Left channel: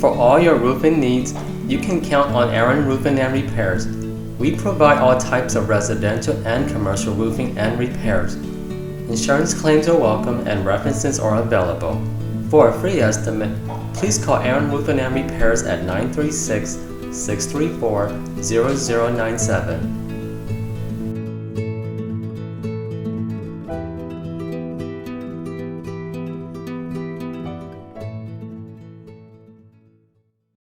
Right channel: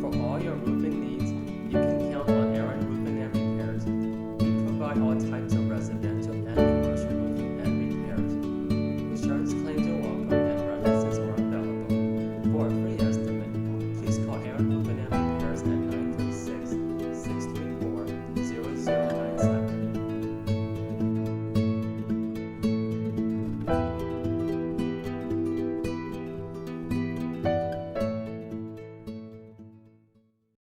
For all your roofing needs, you can count on Aaron Roofing and Repairs. We provide all types of residential and commercial roofing and repairs. Insurance claims are welcome and references are available. For a free estimate, please call Aaron Roofing and Repairs at 936-634-0097.